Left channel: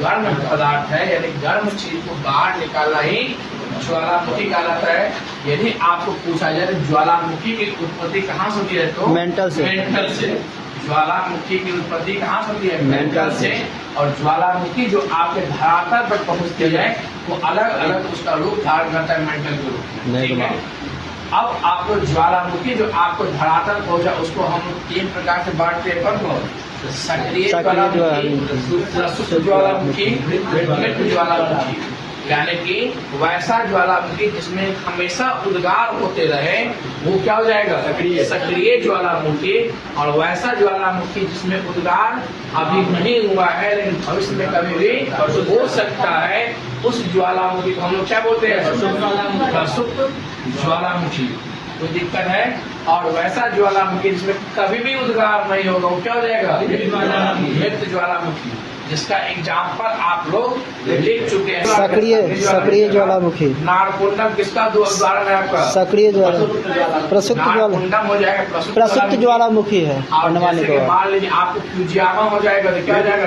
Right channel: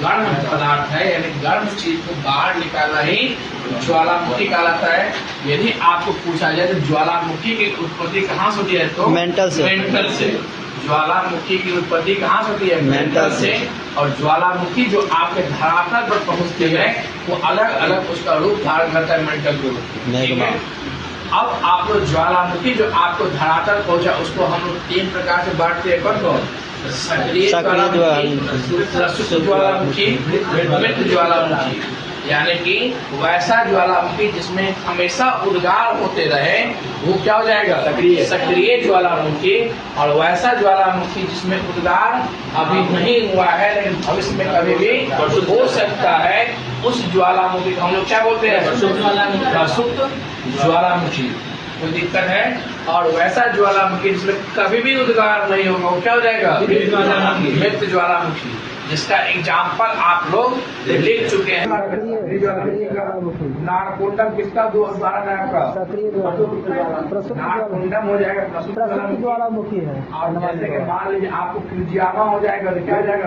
गर्म पदार्थ है, यानी गर्म चीज को बाहर निकालना ही ज्वालामुखी कहलाता है। यदि आपको पूछा जाए तो ज्वालामुखी की उत्पत्ति कहाँ से होती है, तो मेंटल से। ज्वालामुखी की उत्पत्ति कहाँ से होती है, मेंटल से। और ज्वालामुखी जो आपके धरातल पर पहुँचती है वो अलग अलग उसका रूप धारण करता है, मेंटल के रूप में, ठीक है। अब आप लोग ज्वालामुखी जो आपको धरातल पहुंचा उसको हम लोग 3 प्रकार से बांटते हैं। कौन कौन? सक्रिय ज्वालामुखी, प्रसुप्त ज्वालामुखी, मृत ज्वालामुखी। यानी कि वैसा ज्वालामुखी जिसमें हमेशा उद्गार होते रहे वो क्या हो जाएगा, सक्रिय ज्वालामुखी। और वैसा ज्वालामुखी जिसमें उद्गार अभी नहीं हुआ है लेकिन भविष्य में कभी भी हो सकता है, उस ज्वालामुखी को हम लोग क्या बोलते हैं, प्रसुप्त ज्वालामुखी। कोई दिक्कत है? और वैसा ज्वालामुखी जिसमें कभी भी उद्गार नहीं होगा वो क्या हो जाएगा, मृत ज्वालामुखी, जिसका एग्जाम्पल आप लोग लिख चुके हैं। सक्रिय ज्वालामुखी। नारकुंडम किसका उदाहरण है आपका? सक्रिय प्रसुप्त नारकुंडम हो जाएगा प्रसुप्त ज्वालामुखी है। और जैसे कि मान लीजिए आपको फ्यूजियामा हो जाएगा तो क्या हो जाएगा,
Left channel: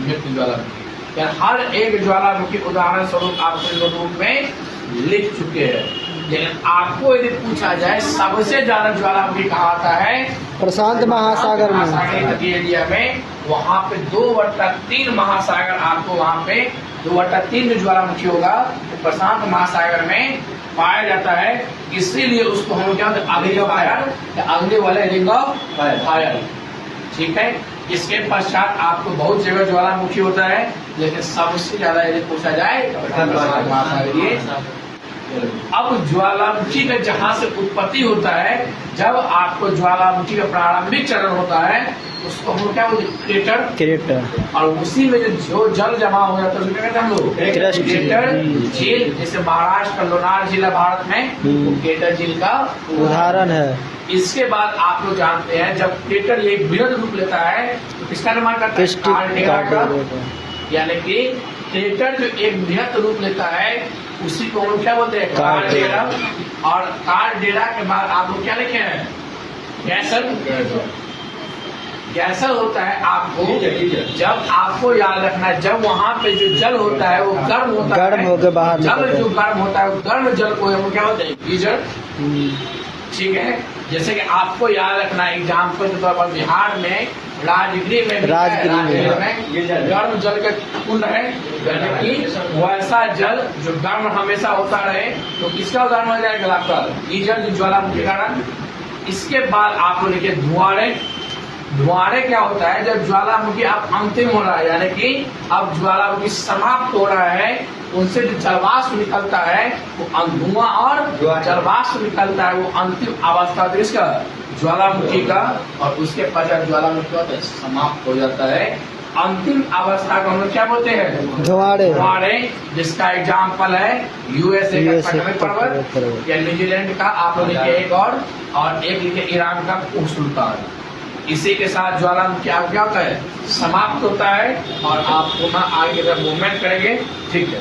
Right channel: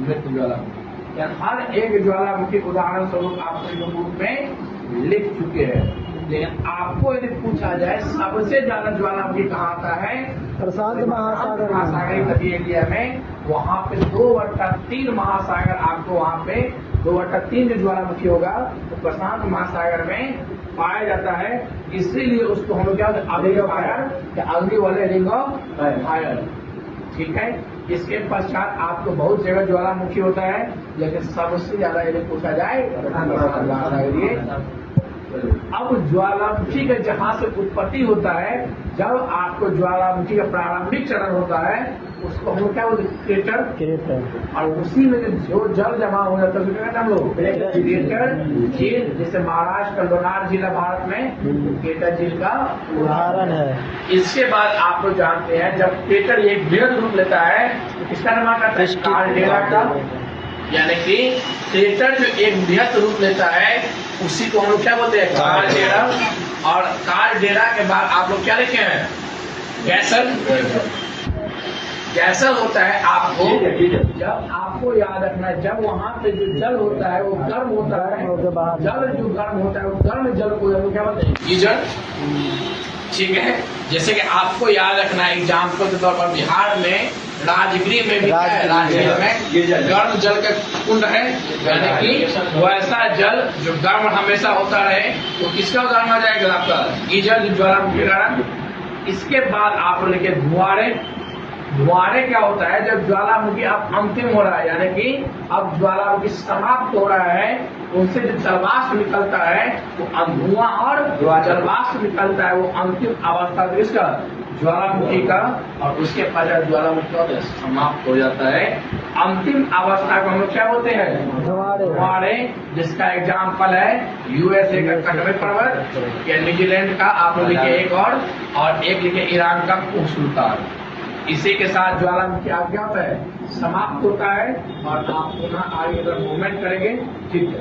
मृत ज्वालामुखी। यानी हर एक ज्वालामुखी उदाहरण स्वरूप आपको रूप में लिख चुके हैं। लेकिन आपको यदि पूछा जाए सबसे ज्यादा ज्वालामुखी कहाँ आता है, प्रशांत महासागर तटीय एरिया में। वहाँ पे 2/3 महासागर आपको वहाँ पे 2/3 जो ज्वालामुखी होगा तो प्रशांत महासागर में पाया जाता है। इसीलिए उसको हम लोग क्या कहते हैं, अग्नि ऑफ फायर, अग्नि वाले रिंग ऑफ फायर, ठीक है। इसके पश्चात आपको बहुत जगह ज्वालामुखी होता है, लेकिन सबसे ज्यादा यदि पूछा जाए प्रशांत महासागर। अब ज्वालामुखी का जहाँ से उत्पत्ति होता है, जब आपको ज्वालामुखी का प्रारंभिक चरण होता है उसको हम लोग क्या बोलते हैं, क्रेटर। और उसी में जो जल जमा हो जाता है उसको क्या कहते हैं हम लोग, क्रेटर झील। जैसे महाराष्ट्र का लोनार जिला भारत में वो क्रेटर झील का उदाहरण है। इसके बाद आप लोग जानते हैं जब क्रेटर ये बृहद रूप लेता है तो किसका निर्माण करता है, कालडेरा का। यानी कि क्रेटर जो एक बृहद रूप लेता है उसी को हम लोग क्या बोलते हैं, कालडेरा। और कालडेरा के बाद आप लोग क्या लिखे हैं, गैसर। गैसर होता है आपको, जब आपको याद रखना है जब वहाँ पे जो जल होता है वो गर्म होता है, जल जो गर्म होता है वो गर्म जल को हम लोग क्या बोलते हैं, गीजर, ठीक है। जैसे कि आपको याद रखना है एग्जाम्पल के तौर पर बिहार में राजगीर में गर्म जल का कुंड है, यानी कि वैसा जल जो गर्म हमेशा होता रहे तो किसका उदाहरण हो जाएगा आपका, गीजर, जो ज्वालामुखी कारण। इसके बाद आप लोग लिखे धुआंरे। धुआंरे क्या होता है, जब ज्वालामुखी अब अंतिम हो रहा है, यानी कि अब ज्वालामुखी समाप्त हो रहा है, उनसे जो जलवाष्प निकलता है वो धुआं और जलवाष्प निकलता है, वो अंतिम अवस्था किसका, ज्वालामुखी का। और उसके पश्चात ज्वालामुखी होता है समाप्त हो जाता है। अंतिम अवस्था को हम लोग क्या बोलते हैं, धुआंरे, जिसका एग्जाम्पल है यूएसए का कटवे पर्वत, या न्यूजीलैंड का आप लोग लिखे एक, और एक लिखे ईरान का उल्का। इसी के साथ ज्वालामुखी क्या होता है, समाप्त होता है। और आप पुनः आगे मूवमेंट करेंगे, ठीक है।